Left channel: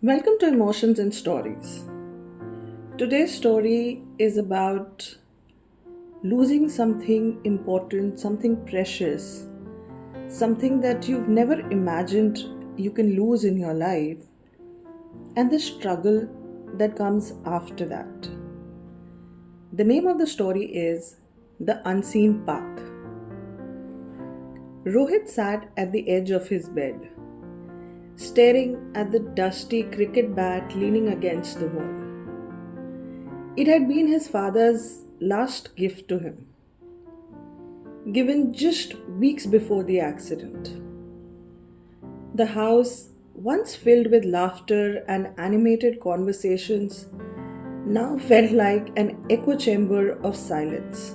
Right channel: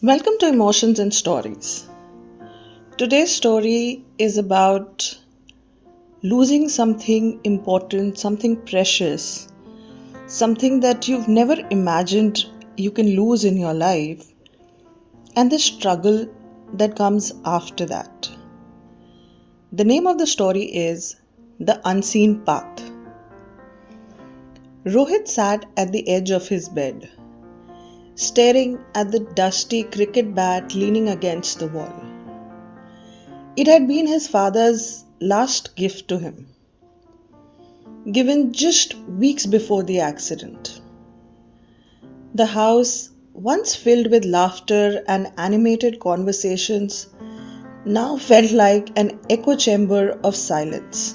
Welcome to Emotions and Stories. Today's story is about losing something important, something precious, something that you've never imagined you can lose in your life, and the struggle that comes after that. The name of the story is The Unseen Path. Rohit sat at the edge of his bed, staring at the dusty cricket bat leaning against the wall. It had been his father's last gift to him, given just weeks before the accident. The house, once filled with laughter and animated conversations, now felt like an echo chamber of silence.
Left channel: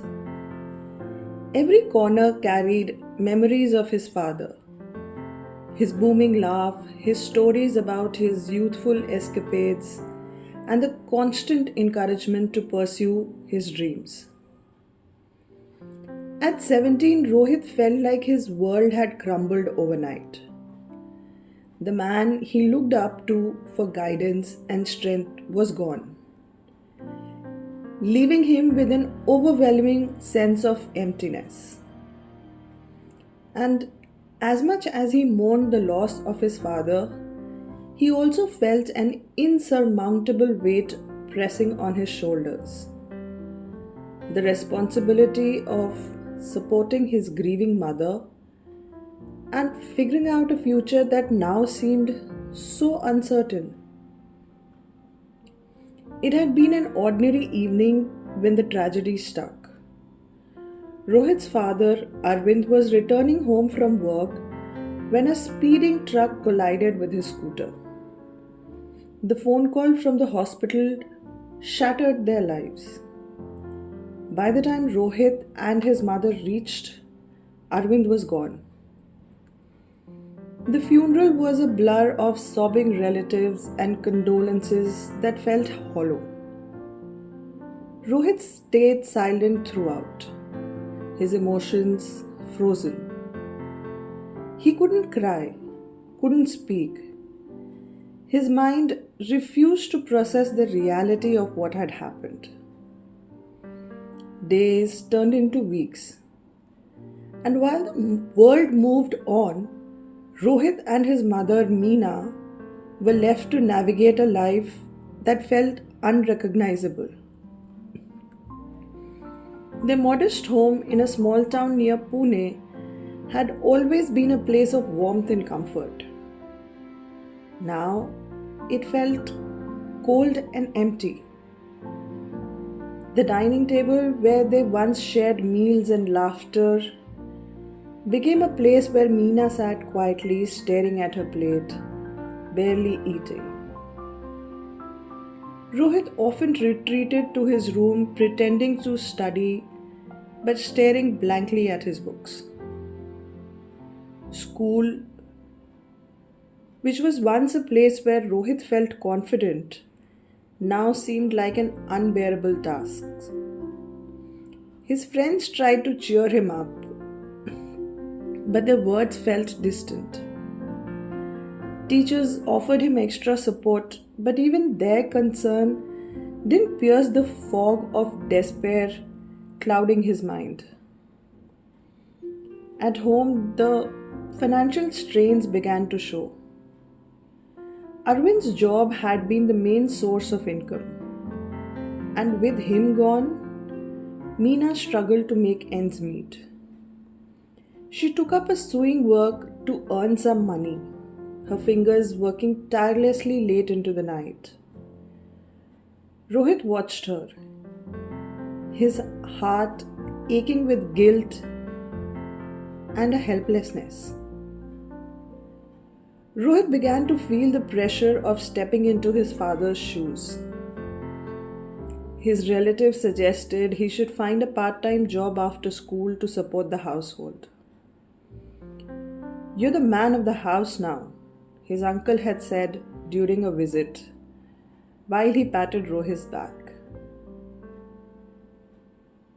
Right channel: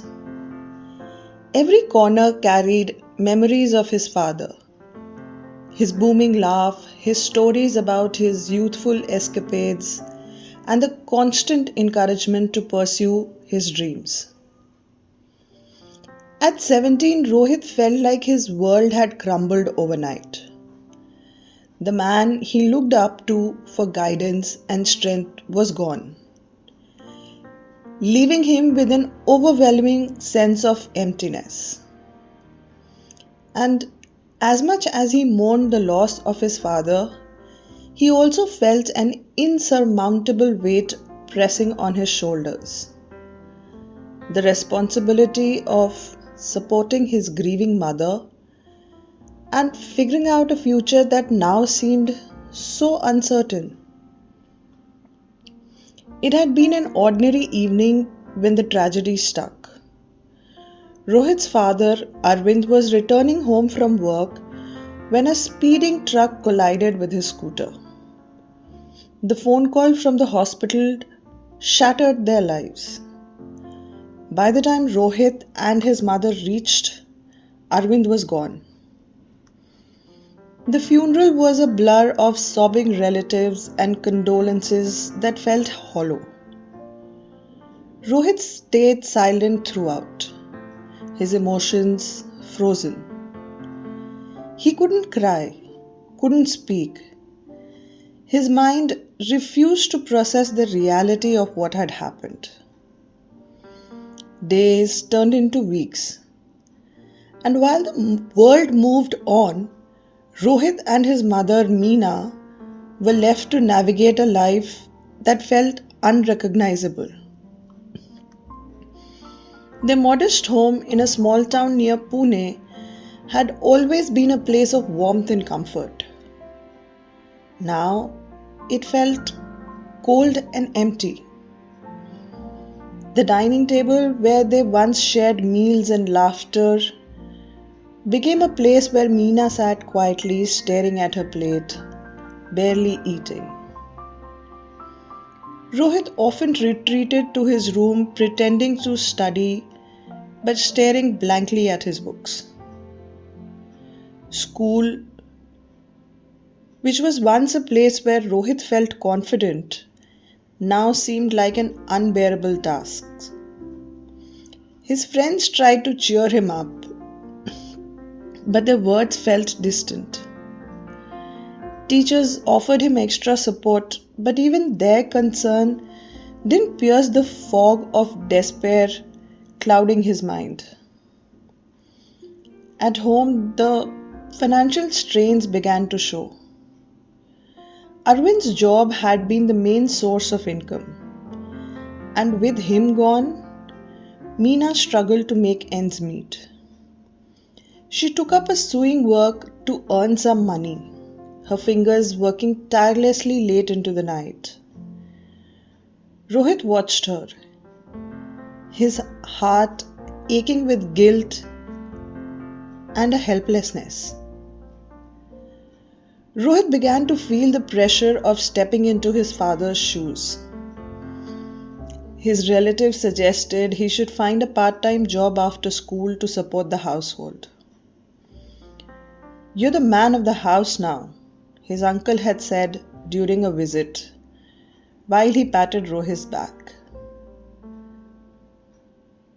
Every corner carried memories of his father, his booming laugh, his stories about his youthful escapades, and the constant encouragement to pursue his dreams. At 17, Rohit felt like his world had crumbled overnight. The man he looked up to for guidance and strength was gone, leaving him with an overwhelming sense of emptiness. And as much as he mourned the loss of his father, he also felt an insurmountable weight pressing on his shoulders. The responsibility of supporting his grieving mother and figuring out a future that now seemed so uncertain. It had been an ordinary evening when the tragedy struck. Rohit's father, Arvind, was returning home from work when a speeding truck collided with his scooter. The phone call from the hospital shattered their lives. By the time Rohit and his mother reached, Arvind was gone. The funeral was a blur of sobbing relatives and condolences that felt hollow. Rohit stayed silent throughout, his emotions frozen. He couldn't cry, couldn't speak. His mind refused to process the reality of what had happened. Days turned into weeks, and while the world moved on, Rohit and his mother Meena were left to navigate a life that felt unrecognizable. Their modest home in a small town near Pune had always been a place of warmth and comfort. Now it felt cold and empty. The dining table where they once shared meals and laughter became a place where Meena sat quietly staring at her plate, barely eating. Rohit often retreated to his room pretending to study but staring blankly at his books. School, which was once a place where Rohit felt confident, now seemed like an unbearable task. His friends tried to cheer him up, but their words felt distant. Teachers offered him extra support, but even their concern didn't pierce the fog of despair clouding his mind. At home, the financial strains began to show. Arvind's job had been the main source of income, and with him gone, Meena struggled to make ends meet. She took up a sewing work to earn some money, her fingers working tirelessly late into the night. Rohit watched her, his heart aching with guilt and a helplessness. Rohit began to feel the pressure of stepping into his father's shoes. His relatives suggested he should find a part-time job after school to support the household. "You're the man of the house now," his uncle had said during a visit, while he patted Rohit's back.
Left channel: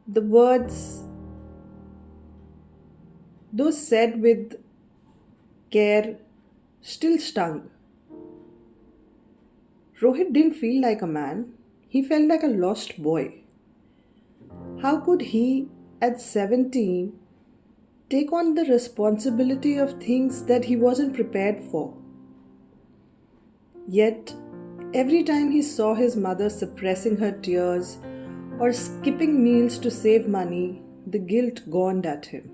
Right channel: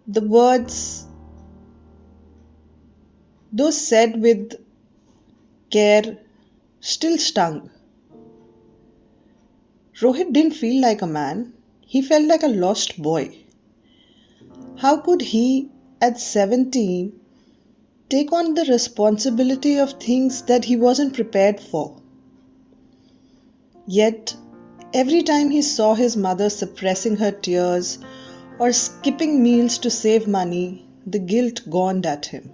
The words, though said with care, still stung. Rohit didn't feel like a man, he felt like a lost boy. How could he, at 17, take on the responsibility of things that he wasn't prepared for? Yet, every time he saw his mother suppressing her tears or skipping meals to save money, the guilt gnawed at him.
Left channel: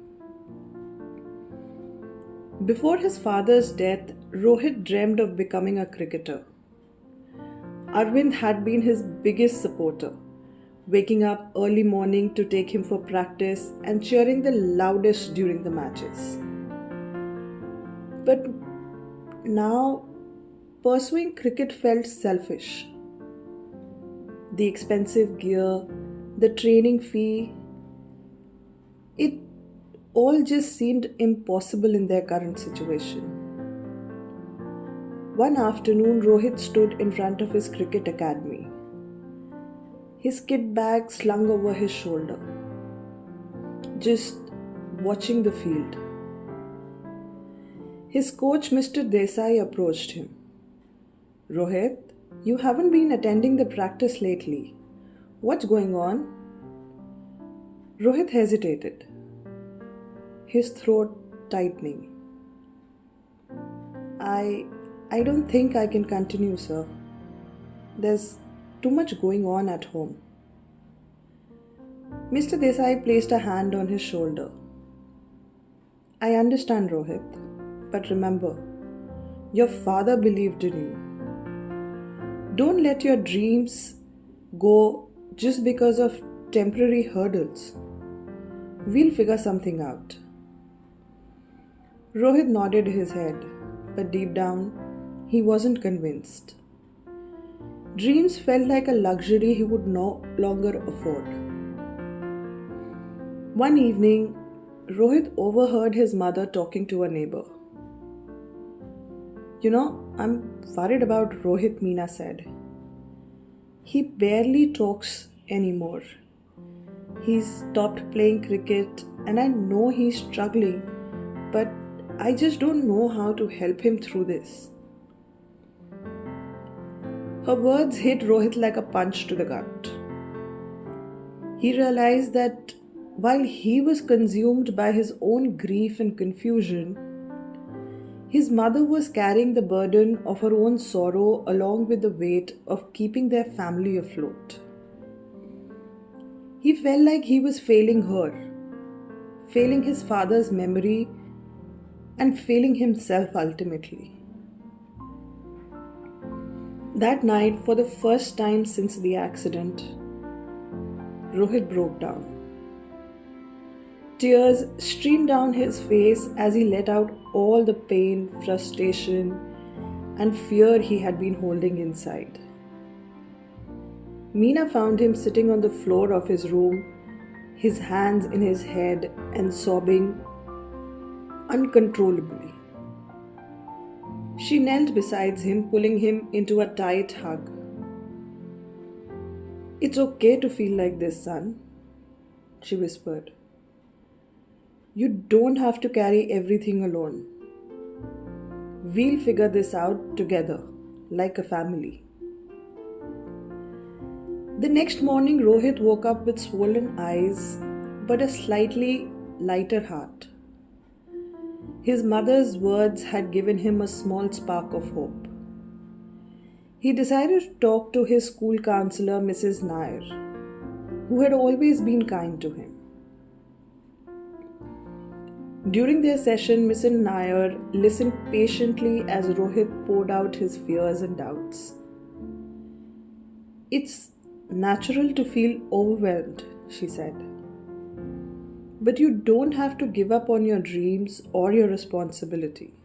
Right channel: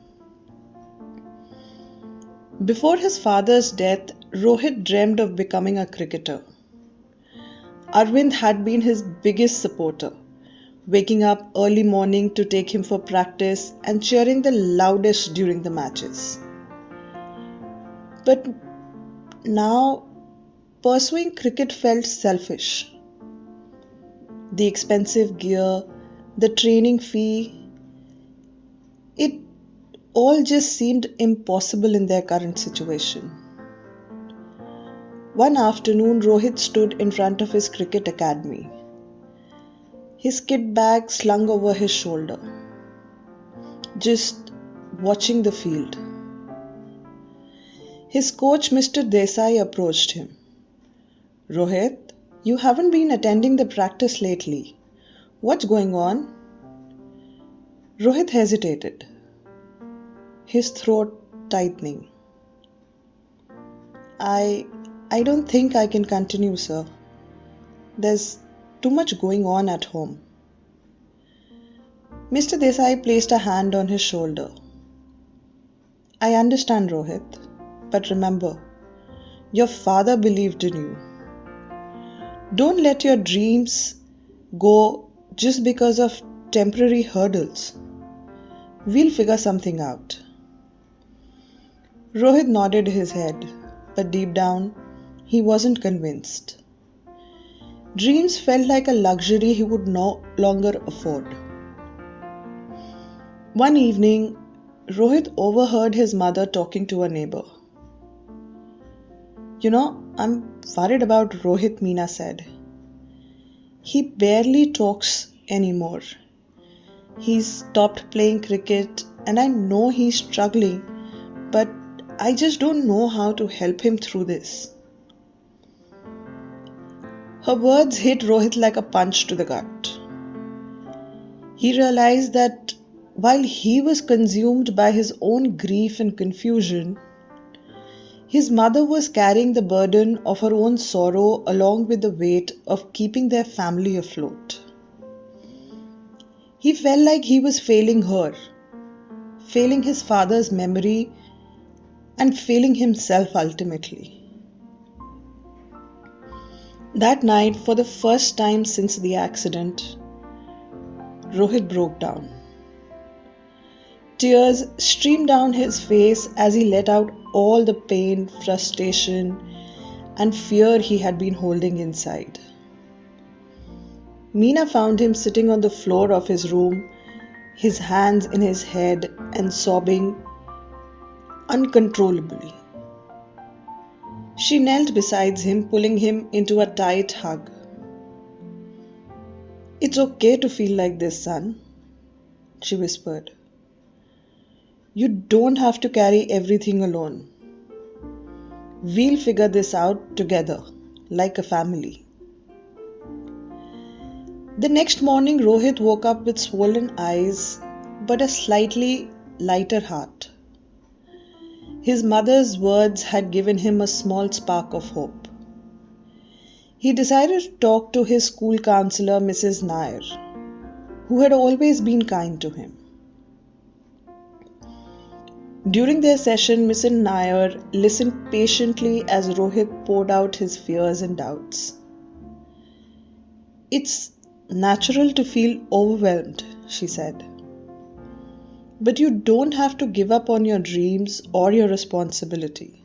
Before his father's death, Rohit dreamed of becoming a cricketer. Arvind had been his biggest supporter, waking up early morning to take him for practice and cheering the loudest during the matches. But now, pursuing cricket felt selfish. The expensive gear, the training fee, it all just seemed impossible in their current situation. One afternoon, Rohit stood in front of his cricket academy, his kit bag slung over his shoulder, just watching the field. His coach, Mr. Desai, approached him. Rohit, you haven't been attending the practice lately. What's going on? Rohit hesitated, his throat tightening. I don't think I can continue, sir. There's too much going on at home. Mr. Desai placed a hand on his shoulder. I understand, Rohit, but remember, your father believed in you. Don't let your dreams go just because of temporary hurdles. We'll figure something out. Rohit nodded his head, but deep down, he wasn't convinced. Dreams felt like a luxury he would no longer afford. One evening, Rohit overheard his mother talking to a neighbor. I'm worried about Rohit, Meena said. He barely talks anymore. He's stopped playing cricket and I know he's struggling, but I just don't know how to help him through this. Her words hit Rohit like a punch to the gut. He realized that while he was consumed by his own grief and confusion, his mother was carrying the burden of her own sorrow along with the weight of keeping their family afloat. He felt like he was failing her, failing his father's memory, and failing himself ultimately. That night, for the first time since the accident, Rohit broke down. Tears streamed down his face as he let out all the pain, frustration, and fear he had been holding inside. Meena found him sitting on the floor of his room, his hands in his head and sobbing uncontrollably. She knelt beside him, pulling him into a tight hug. It's okay to feel like this, son, she whispered. You don't have to carry everything alone. We'll figure this out together, like a family. The next morning, Rohit woke up with swollen eyes, but a slightly lighter heart. His mother's words had given him a small spark of hope. He decided to talk to his school counselor, Mrs. Nair, who had always been kind to him. During their session, Mrs. Nair listened patiently as Rohit poured out his fears and doubts. It's natural to feel overwhelmed, she said. But you don't have to give up on your dreams or your responsibility.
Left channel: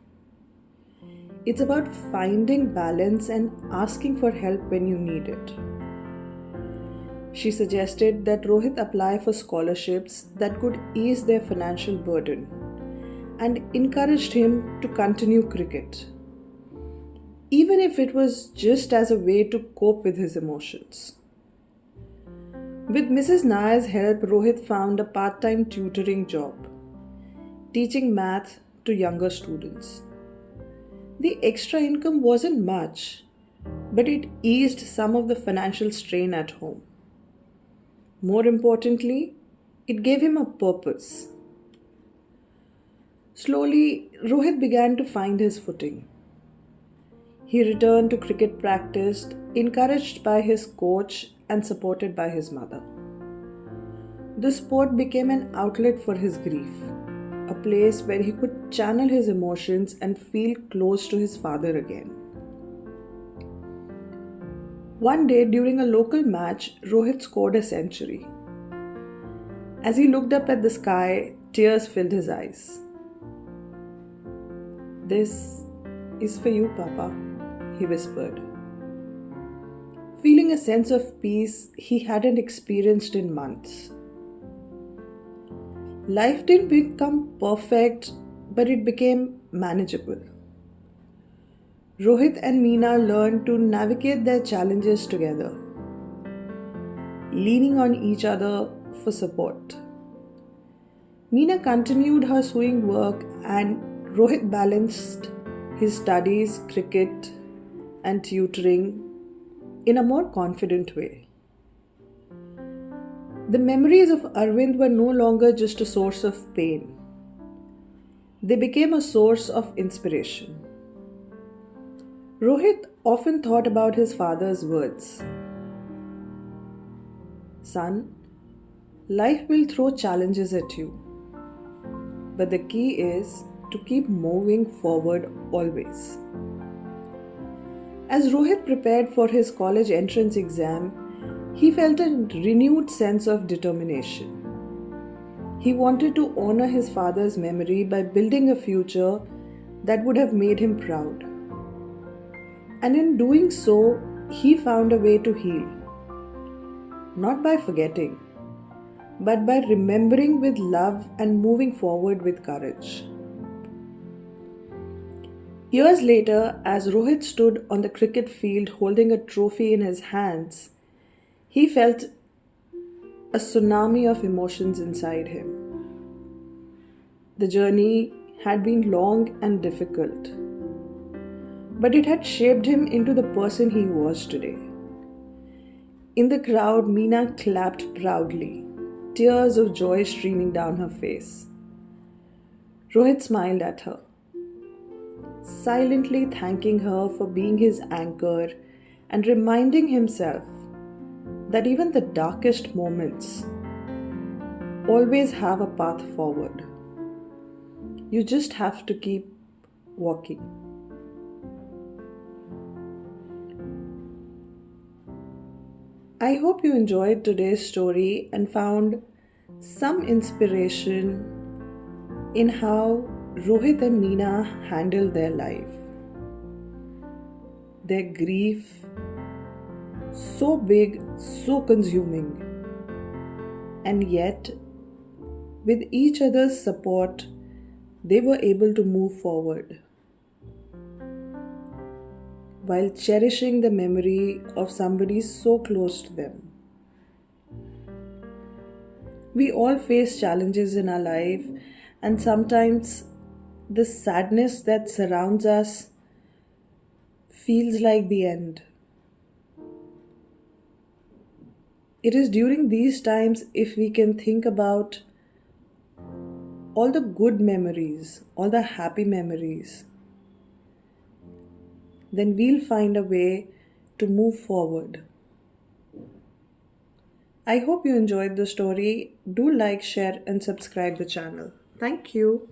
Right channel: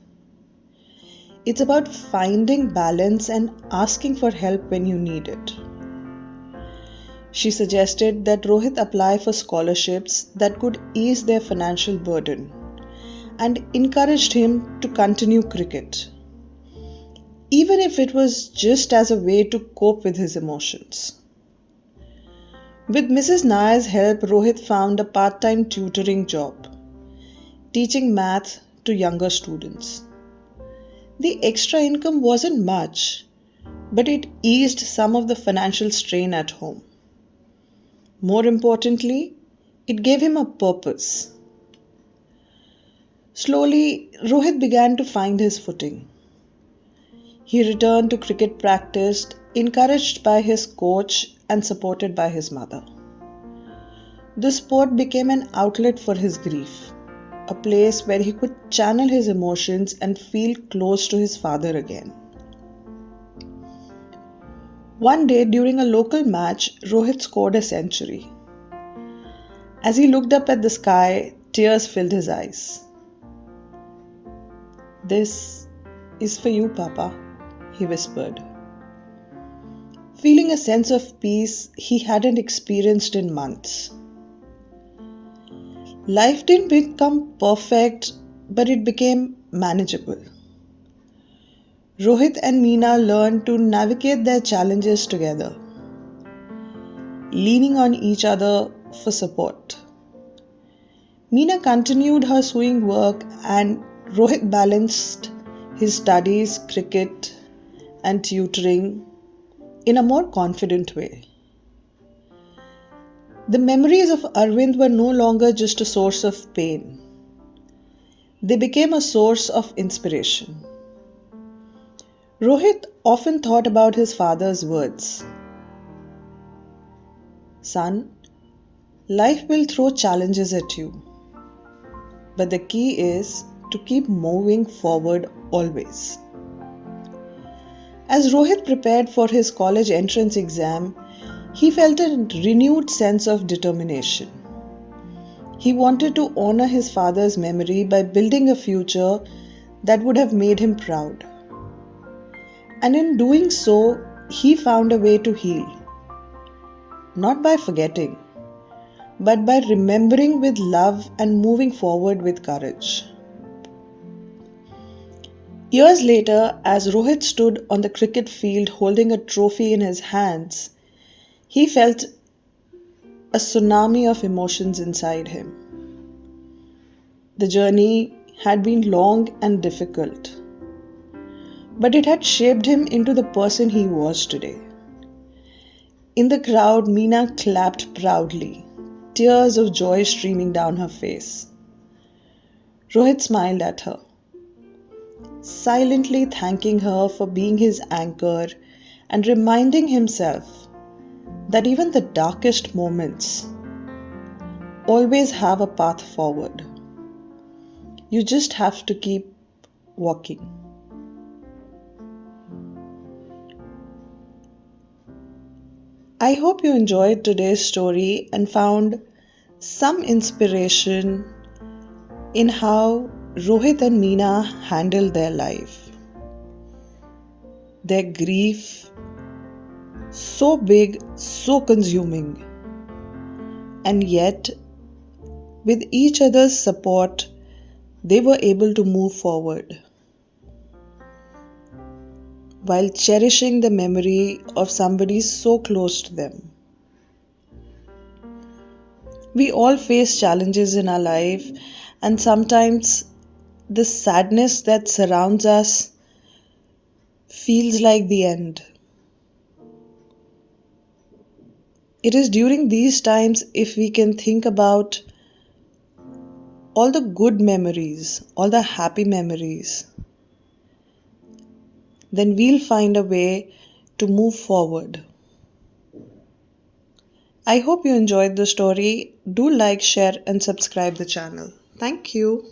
It's about finding balance and asking for help when you need it. She suggested that Rohit apply for scholarships that could ease their financial burden and encouraged him to continue cricket, even if it was just as a way to cope with his emotions. With Mrs. Nair's help, Rohit found a part-time tutoring job, teaching math to younger students. The extra income wasn't much, but it eased some of the financial strain at home. More importantly, it gave him a purpose. Slowly, Rohit began to find his footing. He returned to cricket practice, encouraged by his coach and supported by his mother. The sport became an outlet for his grief, a place where he could channel his emotions and feel close to his father again. One day during a local match, Rohit scored a century. As he looked up at the sky, tears filled his eyes. "This is for you, Papa," he whispered, feeling a sense of peace he hadn't experienced in months. Life didn't become perfect, but it became manageable. Rohit and Meena learned to navigate their challenges together, leaning on each other for support. Meena continued her sewing work and Rohit balanced his studies, cricket, and tutoring in a more confident way. The memories of Arvind were no longer just a source of pain. They became a source of inspiration. Rohit often thought about his father's words. "Son, life will throw challenges at you, but the key is to keep moving forward always." As Rohit prepared for his college entrance exam, he felt a renewed sense of determination. He wanted to honor his father's memory by building a future that would have made him proud. And in doing so, he found a way to heal. Not by forgetting, but by remembering with love and moving forward with courage. Years later, as Rohit stood on the cricket field holding a trophy in his hands, he felt a tsunami of emotions inside him. The journey had been long and difficult, but it had shaped him into the person he was today. In the crowd, Meena clapped proudly, tears of joy streaming down her face. Rohit smiled at her, silently thanking her for being his anchor and reminding himself that even the darkest moments always have a path forward. You just have to keep walking. I hope you enjoyed today's story and found some inspiration in how Rohit and Meena handled their life. Their grief, so big, so consuming, and yet, with each other's support, they were able to move forward while cherishing the memory of somebody so close to them. We all face challenges in our life, and sometimes the sadness that surrounds us feels like the end. It is during these times if we can think about all the good memories, all the happy memories, then we'll find a way to move forward. I hope you enjoyed the story. Do like, share, and subscribe the channel. Thank you.